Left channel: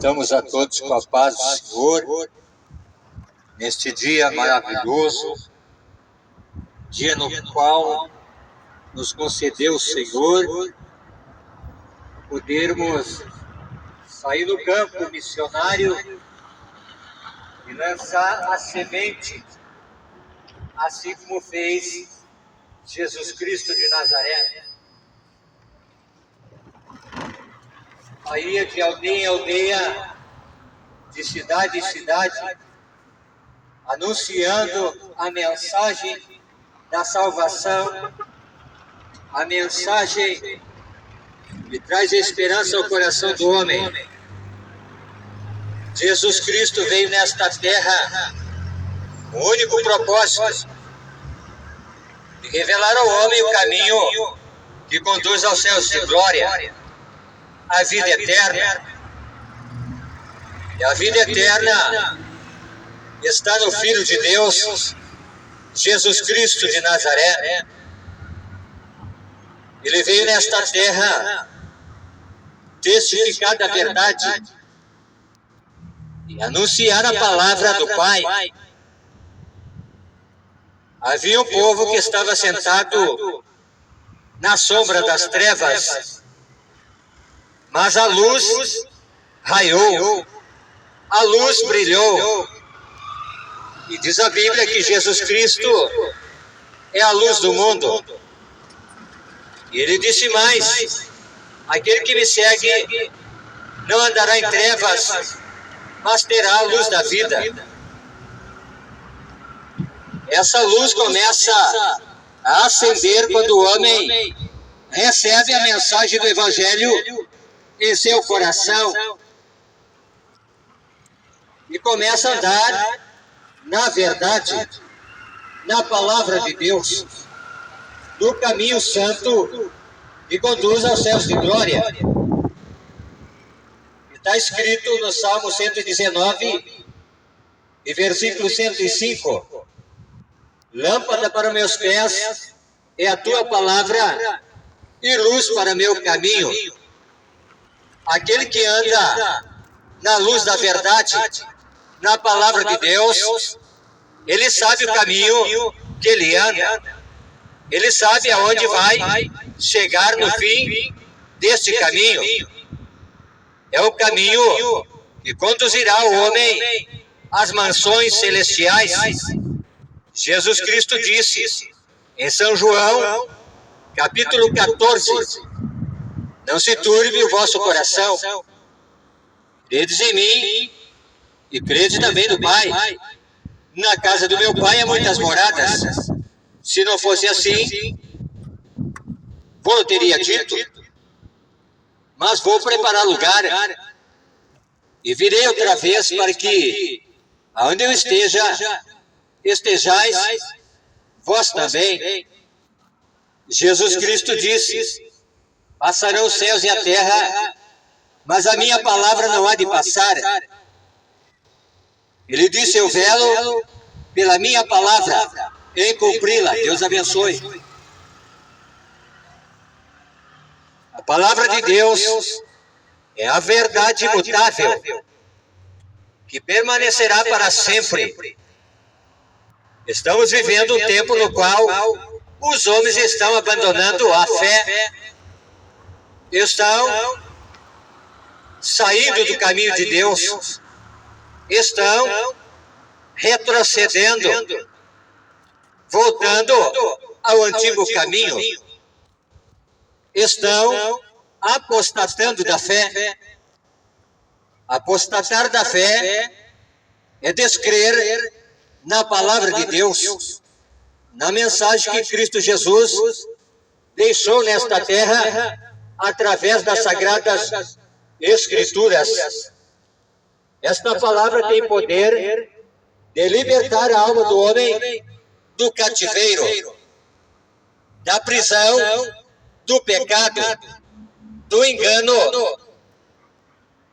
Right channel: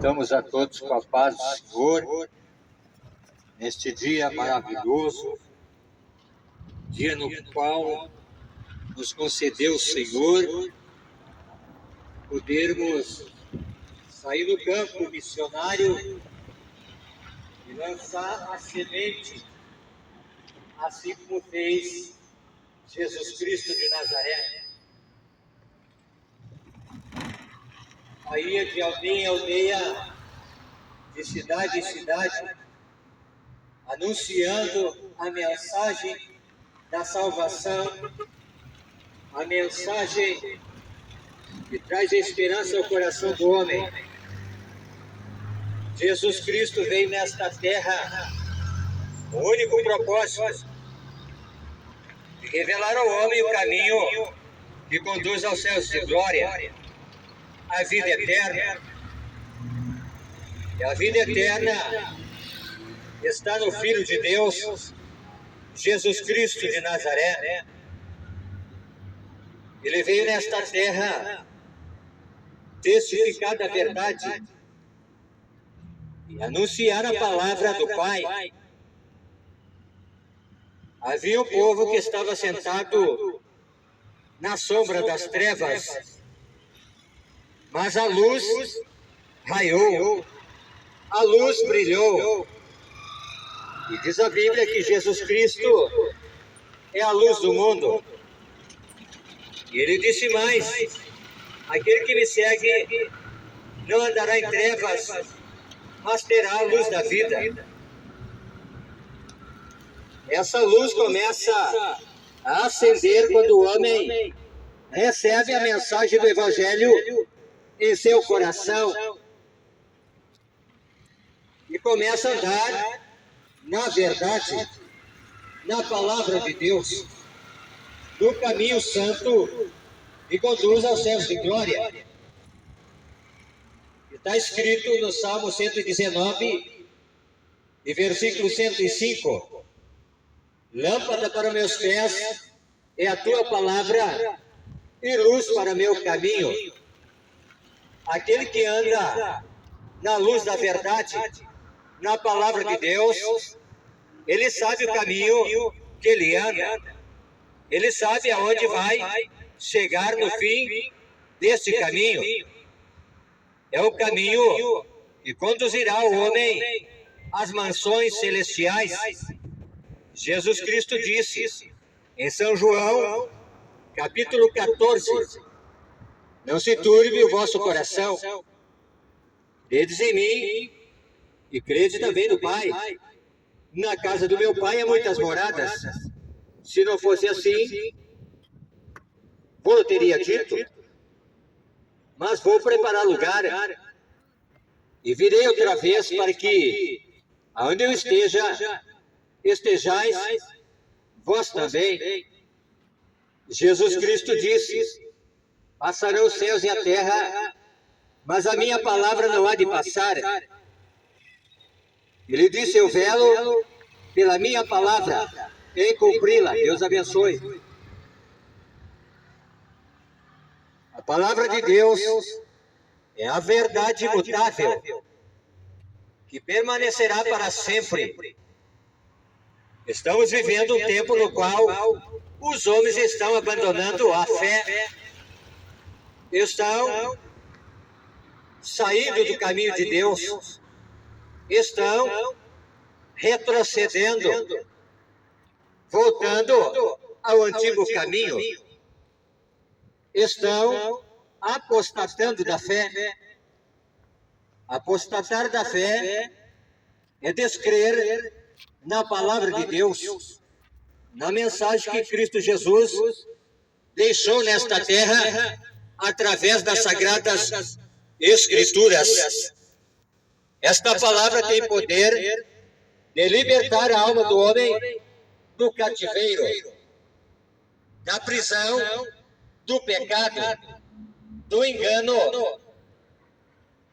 Cumprimentamos a todos com a paz do Senhor, neste dia maravilhoso, dia no qual nos concedeu o Senhor podermos sair no campo missionário e lançar a semente, assim como fez Jesus Cristo de Nazaré. Aí de aldeia em aldeia, de cidade em cidade, anunciando a mensagem da salvação, a mensagem que traz esperança ao coração do homem. Jesus Cristo veio nesta terra com o único propósito de revelar ao homem o caminho que conduz aos céus de glória, a vida eterna. E a vida eterna está no Filho de Deus, Jesus Cristo de Nazaré. Ele veio nesta terra testificar da verdade e anunciar a palavra do Pai. Havia um povo que estava sentado na sombra das trevas, mas a luz raiou, a luz brilhou. E diz a Bíblia que Jesus Cristo é a luz do mundo. E ele disse mais: aquele que me segue não andará em trevas, mas terá a luz da vida. Essa luz começa a acender quando o homem recebe a mensagem do Evangelho em seu coração e começa a andar na verdade, na palavra de Deus, no caminho santo que conduz aos céus de glória. Está escrito no Salmo 119 e versículo 105: lâmpada para meus pés é a tua palavra e luz para meu caminho. Aquele que anda na luz da verdade, na palavra de Deus, ele sabe o caminho que ele anda, ele sabe aonde vai chegar no fim deste caminho. É o caminho que conduzirá o homem às mansões celestiais. Jesus Cristo disse em São João, capítulo 14: não se turbe o vosso coração, credes em mim e crede também no Pai. Na casa do meu Pai há muitas moradas. Se não fosse assim, vou teria dito, mas vou preparar lugar e virei outra vez para que, aonde eu esteja, estejais vós também. Jesus Cristo disse: passarão os céus e a terra, mas a minha palavra não há de passar. Ele disse: eu velo pela minha palavra em cumpri-la. Deus abençoe. A palavra de Deus é a verdade imutável, que permanecerá para sempre. Estamos vivendo um tempo no qual os homens estão abandonando a fé, estão saindo do caminho de Deus, estão retrocedendo, voltando ao antigo caminho, estão apostatando da fé. Apostatar da fé é descrer na palavra de Deus, na mensagem que Cristo Jesus deixou nesta terra através das Sagradas Escrituras. Esta palavra tem poder de libertar a alma do homem do cativeiro, da prisão, do pecado, do engano,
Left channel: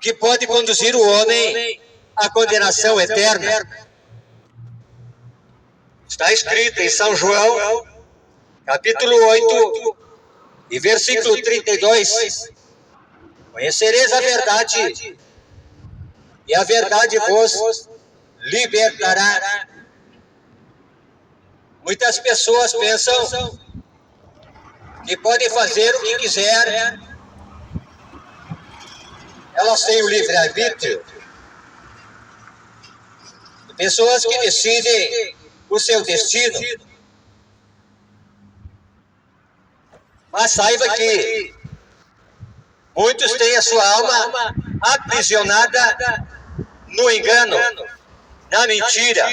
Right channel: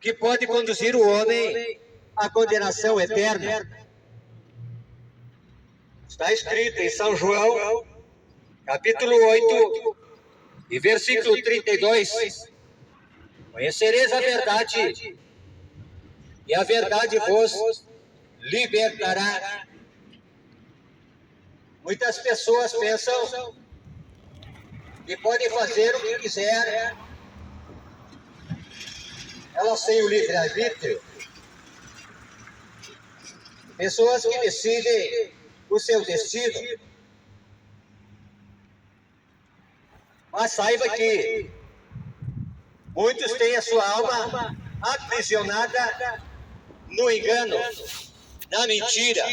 que pode conduzir o homem à condenação eterna. Está escrito em São João, capítulo 8, e versículo 32: conhecereis a verdade, e a verdade vos libertará. Muitas pessoas pensam que podem fazer o que quiser, elas têm o livre-arbítrio. Pessoas que decidem o seu destino. Mas saiba que muitos têm a sua alma aprisionada no engano, na mentira,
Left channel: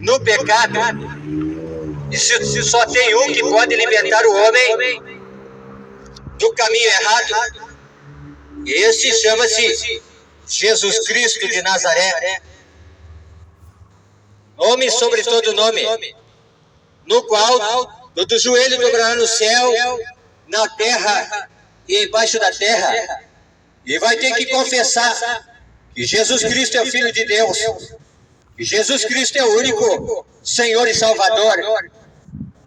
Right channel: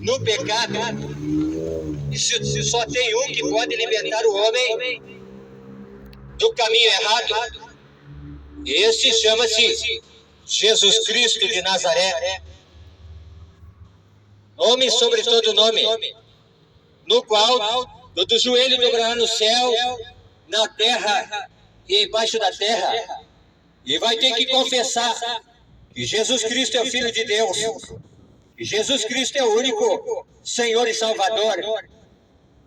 no pecado. E se só tem um que pode libertar o homem do caminho errado, esse chama-se Jesus Cristo de Nazaré. Nome sobre todo nome, no qual todo joelho dobrará no céu, na terra e embaixo da terra, e vai ter que confessar que Jesus Cristo é o Filho de Deus, que Jesus Cristo é o único Senhor e Salvador,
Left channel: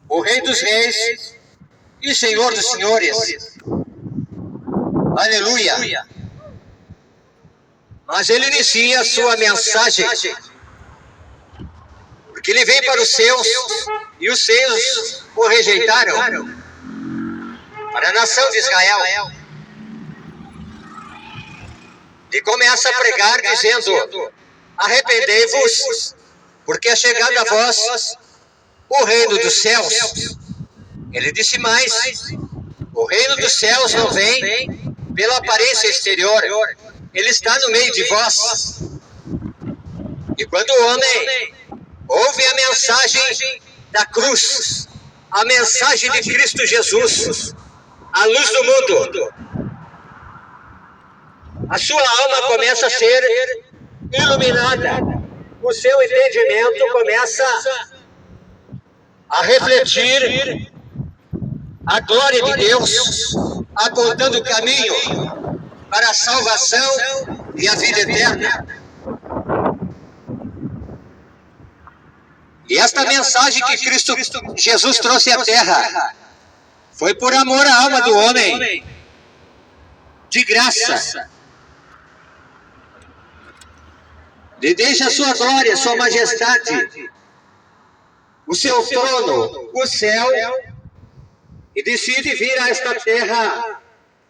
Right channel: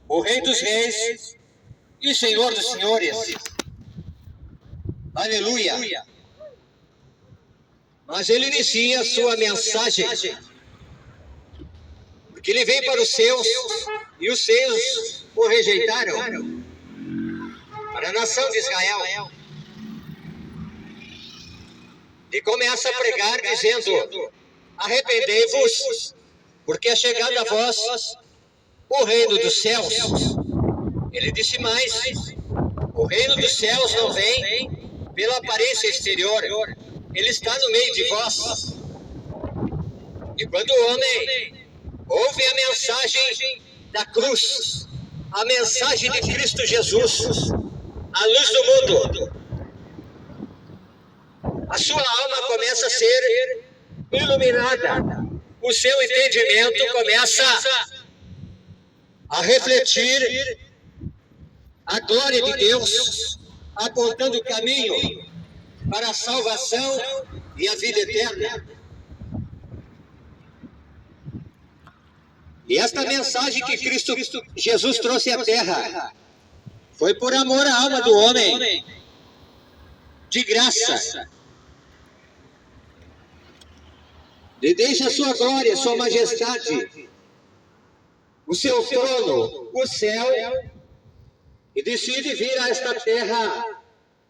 o Rei dos Reis e Senhor dos Senhores. Aleluia! Mas ele inicia a sua mensagem, porque ele veio para os seus, e os seus o rejeitaram, para a nação de Israel. E começa a pregar dizendo: arrependei-vos, porque é chegado a vós o reino dos céus. Ele disse mais: o reino dos céus não vem pela aparência exterior, ele está no meio de vós. E quando o homem ouve a mensagem da cruz, a mensagem de Cristo Jesus, a luz do mundo, a sua alma começa a ser iluminada, o seu entendimento começa a refletir a glória de Deus, apontando o caminho para a salvação e a vida eterna. E esta mensagem que Cristo Jesus trouxe à terra foi por amor à alma do homem, de graça. Ele deixa a sua glória, a sua majestade, o seu trono, o céu, e decide vir a esta terra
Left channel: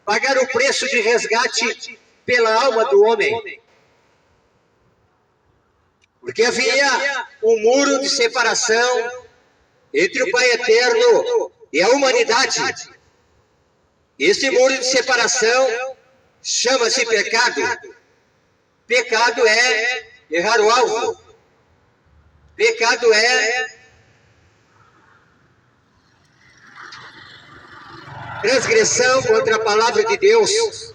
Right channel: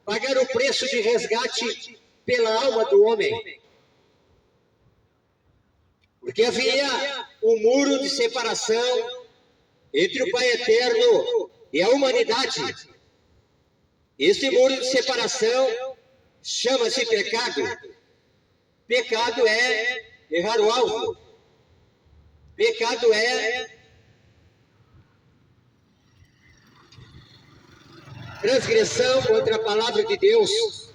pagar o preço de resgate pela alma do homem. Porque havia um muro de separação entre o Pai Eterno e a humanidade. Esse muro de separação chama-se pecado. Pecado é errar o alvo. Pecado é transgressão contra a palavra de Deus.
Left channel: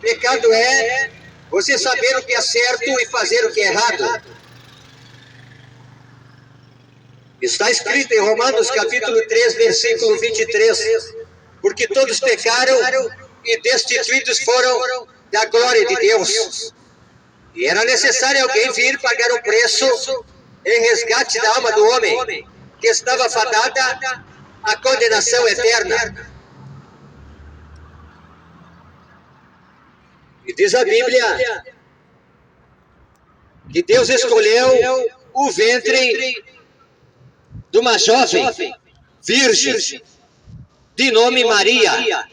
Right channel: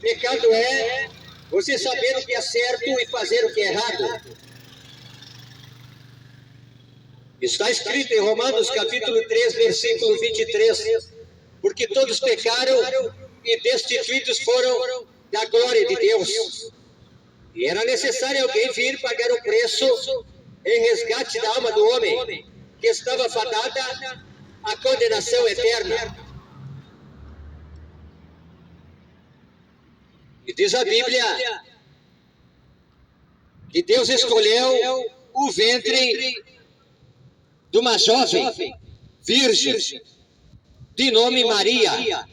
Pecado é você saber o que é certo e fazer o que é errado. Está escrito em Romanos capítulo 3, versículo 23. Porque todos pecaram e destituídos foram da glória de Deus. E era necessário alguém vir pagar o preço em resgate da alma do homem, que estava fadada à condenação eterna. E diz a Bíblia que Deus escolheu o ventre de uma jovem virgem, de nome Maria,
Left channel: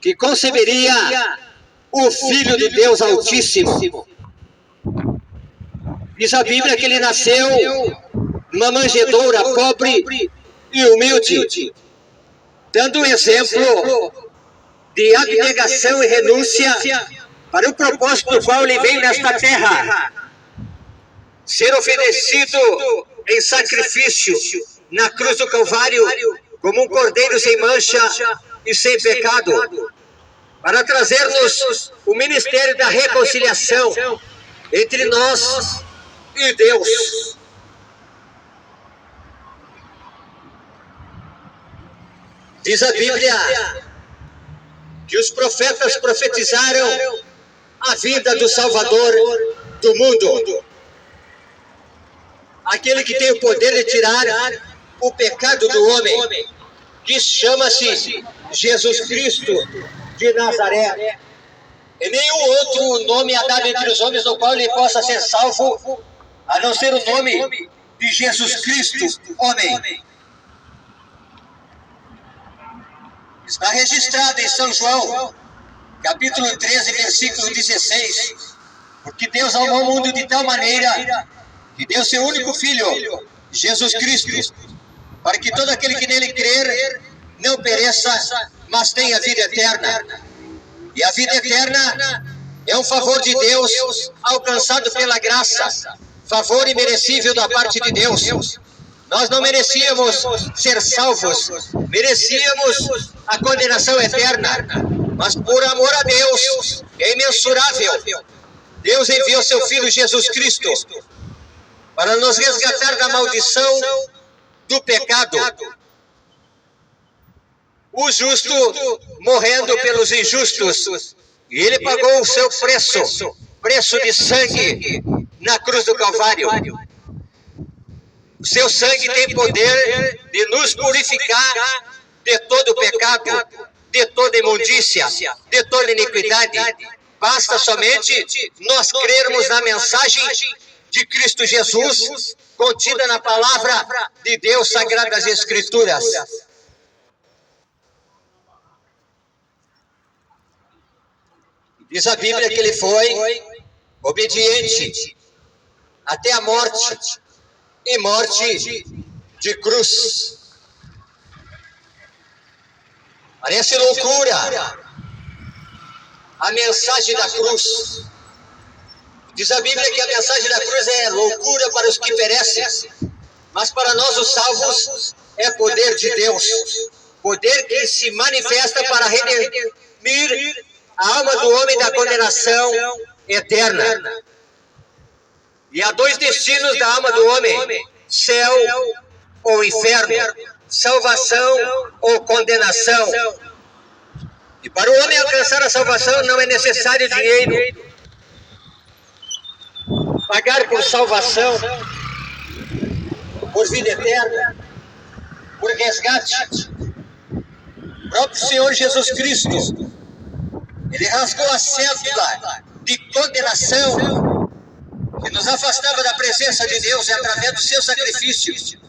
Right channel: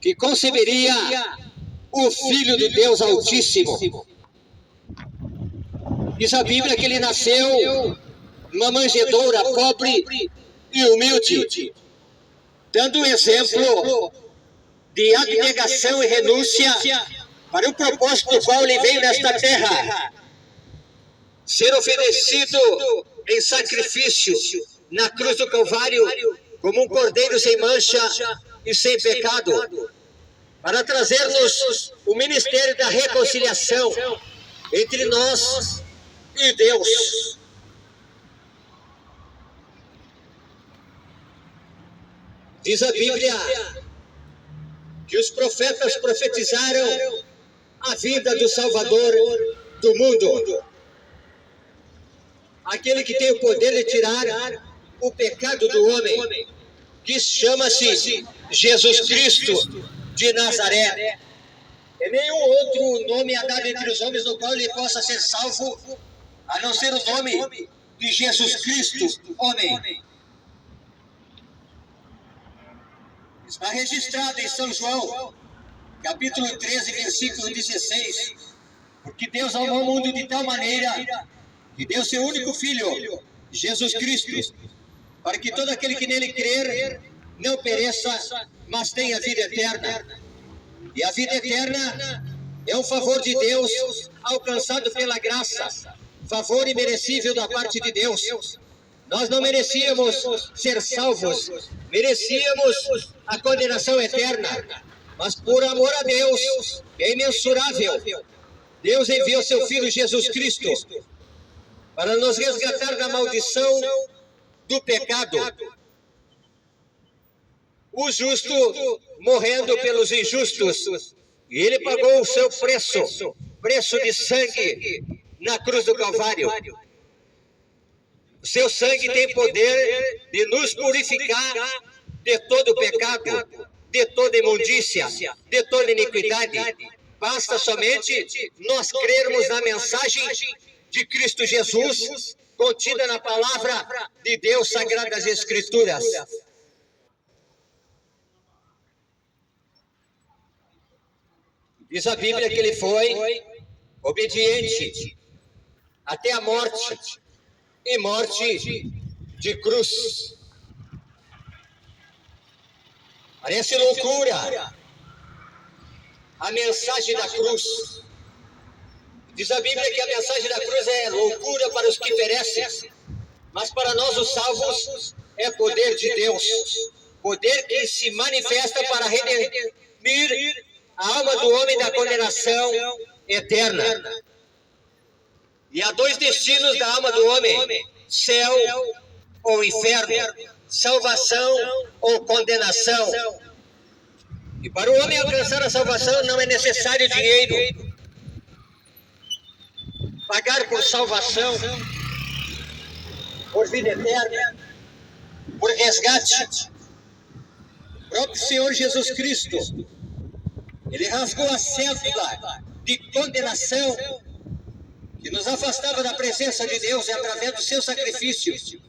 que conceberia o Filho de Deus Altíssimo. Diz a Bíblia que ele nasceu numa manjedoura pobre e humilde, dando um exemplo de abnegação e renúncia para o propósito do qual ele veio nesta terra, ser oferecido em sacrifício na cruz do Calvário como um cordeiro sem mancha e sem pecado, para trazer-nos o ministério da reconciliação entre nós e Deus. Diz a Bíblia que os profetas profetizaram a vinda do Salvador do mundo. Aquele que tem o poder de tirar o pecado do homem, que chama-se Jesus Cristo de Nazaré. E nenhum outro nome é dado entre os homens no qual ele possa ser salvo, a não ser o nome de Jesus Cristo, homem. Está registrado em São João, capítulo 13, versículo 16. Porque Deus amou o mundo de tal maneira que deu seu único Filho, Jesus Cristo, para que todo aquele que nele crer não pereça, mas tenha vida eterna. E a vida eterna é um favor de Deus alcançado pela graça, favor imerecível da parte de Deus. Nós não merecíamos ser salvos, merecíamos a condenação eterna, mas por amor a Deus, é imensurável. Deus enviou seu Filho Jesus Cristo para nos resgatar da maldição do pecado. O justo morrendo pelos injustos, e ele pagou o seu preço de sangue na cruz do Calvário. O seu sangue tem poder de nos purificar de todo pecado, de toda imundícia, de toda iniquidade. Basta somente nós crermos na mensagem de Cristo Jesus, contida na palavra de Deus, Sagradas Escrituras. Diz a Bíblia que ele foi obediente até a morte, e morte de cruz. Parece loucura a mensagem da cruz. Diz a Bíblia que a mensagem da cruz é loucura para os que perecem, mas para nós os salvos é poder de Deus, poder que se manifesta para redimir a alma do homem da condenação eterna. E há dois destinos da alma do homem: céu ou inferno, salvação ou condenação. E para o homem alcançar a salvação não é necessário dinheiro. Pagar por salvação, por vida eterna, por resgate. O próprio Senhor Jesus Cristo, ele rasgou a cédula de condenação que nos afastava da presença de Deus através do seu sacrifício.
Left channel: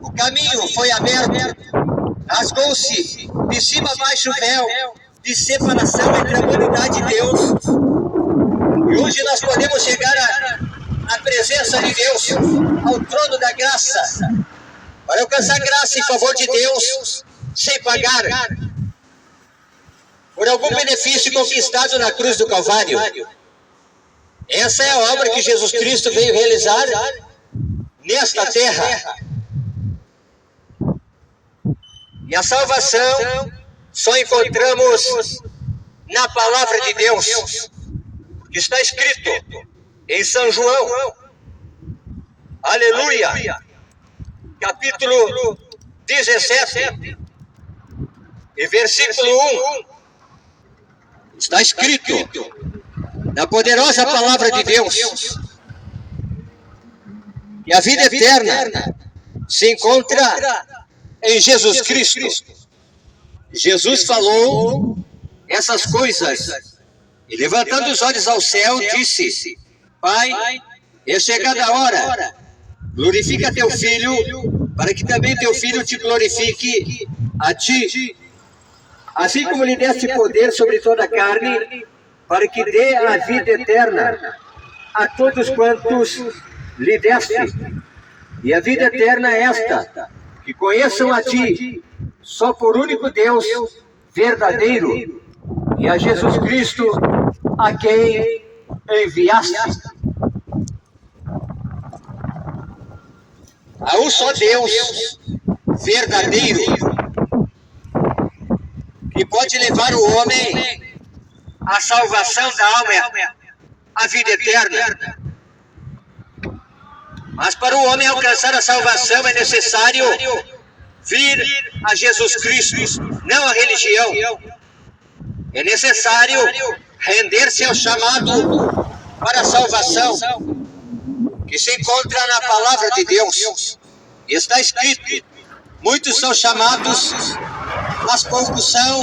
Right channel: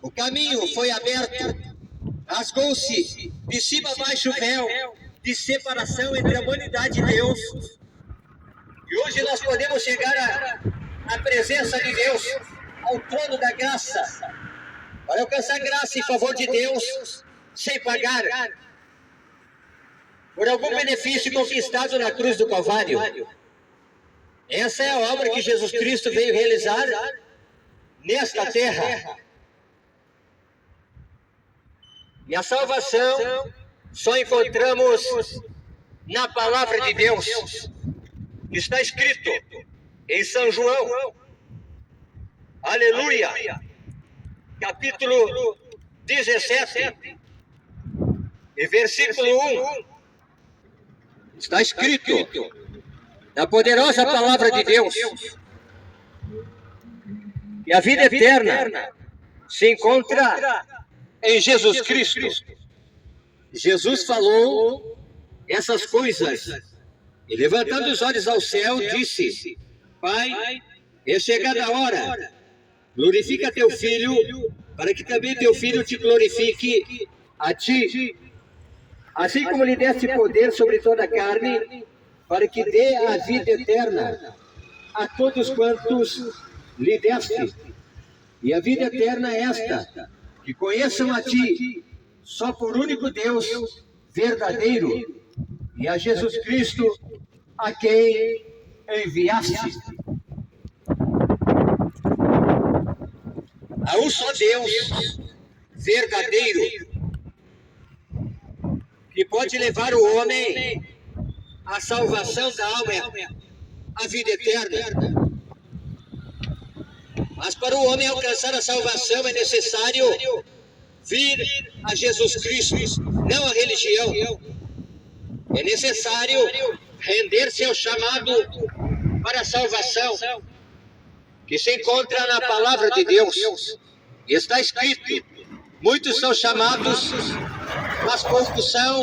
O caminho foi aberto, rasgou-se de cima a baixo o véu de separação entre a humanidade e Deus. E hoje nós podemos chegar à presença de Deus, ao trono da graça, para alcançar graça em favor de Deus, sem pagar por algum benefício conquistado na cruz do Calvário. Essa é a obra que Jesus Cristo veio realizar nesta terra. E a salvação só encontramos na palavra de Deus. Está escrito em São João, aleluia, capítulo 17, e versículo 1. Está escrito na poderosa palavra de Deus que a vida eterna se encontra em Jesus Cristo. Jesus falou essas coisas e, levantando os olhos ao céu, disse: Pai, é chegada a hora, glorifica teu Filho, para que também teu Filho te glorifique a ti, assim como lhe deste poder sobre toda a carne, para que dê a vida eterna a todos quantos lhe deste. E a vida eterna é esta: que conheçam a ti, só por único Deus verdadeiro, e a Jesus Cristo, a quem enviaste. Há um só Deus verdadeiro que pode levar o homem à salvação da alma, à vida eterna. Mas para o homem alcançar a salvação é necessário vir a Jesus Cristo, não a religião. É necessário render-se ao chamado para a salvação, que se encontra na palavra de Deus. E está escrito: muitos são chamados, mas poucos são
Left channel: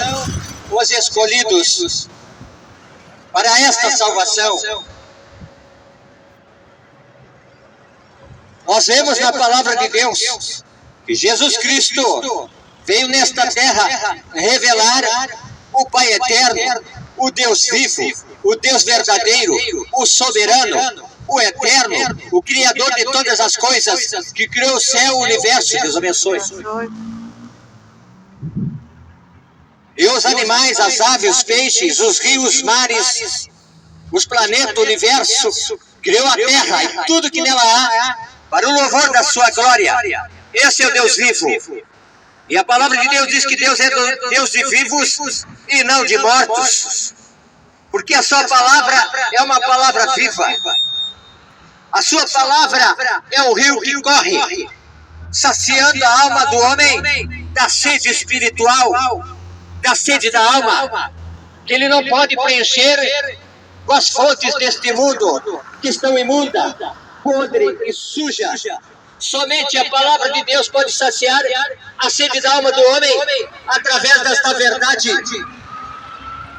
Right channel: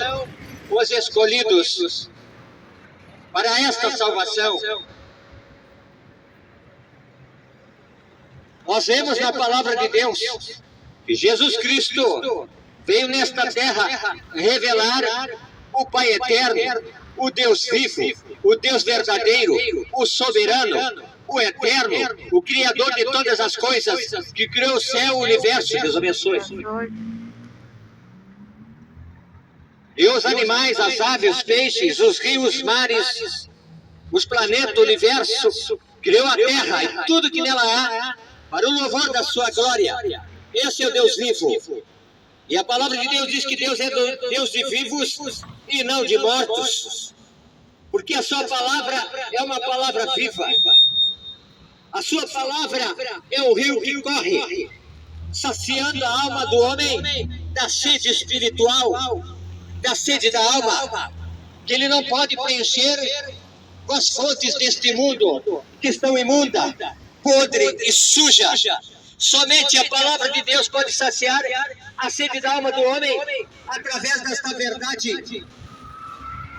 os escolhidos. para esta salvação. Nós vemos na palavra de Deus que Jesus Cristo veio nesta terra revelar o Pai eterno, o Deus vivo, o Deus verdadeiro, o soberano, o eterno, o Criador de todas as coisas, que criou o céu, o universo. Deus abençoe. E os animais, as aves, os peixes, os rios, os mares, os planetas, o universo, criou a terra e tudo que nela há, para o louvor da sua glória. Esse é o Deus vivo. E a palavra de Deus diz que Deus é Deus de vivos e não de mortos. Porque a sua palavra é uma palavra viva. A sua palavra é um rio que corre, saciando a alma do homem da sede espiritual, da sede da alma, que ele não pode preencher com as fontes deste mundo, que estão imunda, podre e suja. Somente a palavra de Deus pode saciar a sede da alma do homem através desta verdade,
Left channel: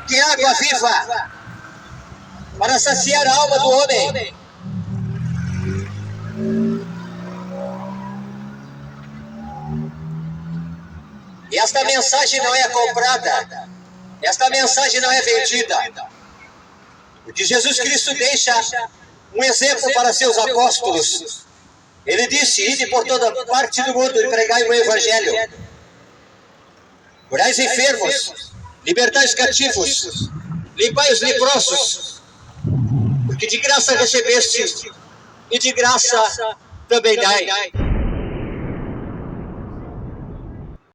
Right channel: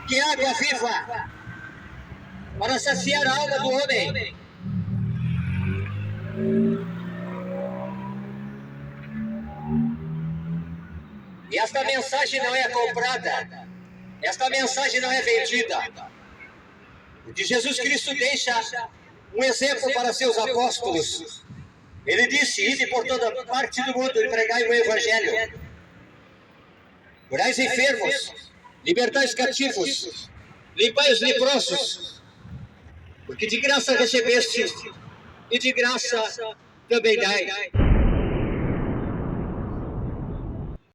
que é água viva, para saciar a alma do homem. E esta mensagem não é comprada, esta mensagem não é vendida. Porque Jesus Cristo deixa um exemplo para seus apóstolos. Ele disse: ide por toda parte do mundo e pregai o evangelho. Curai os enfermos, libertai os cativos, limpai os leprosos, porque de graça recebeste e de graça também dai.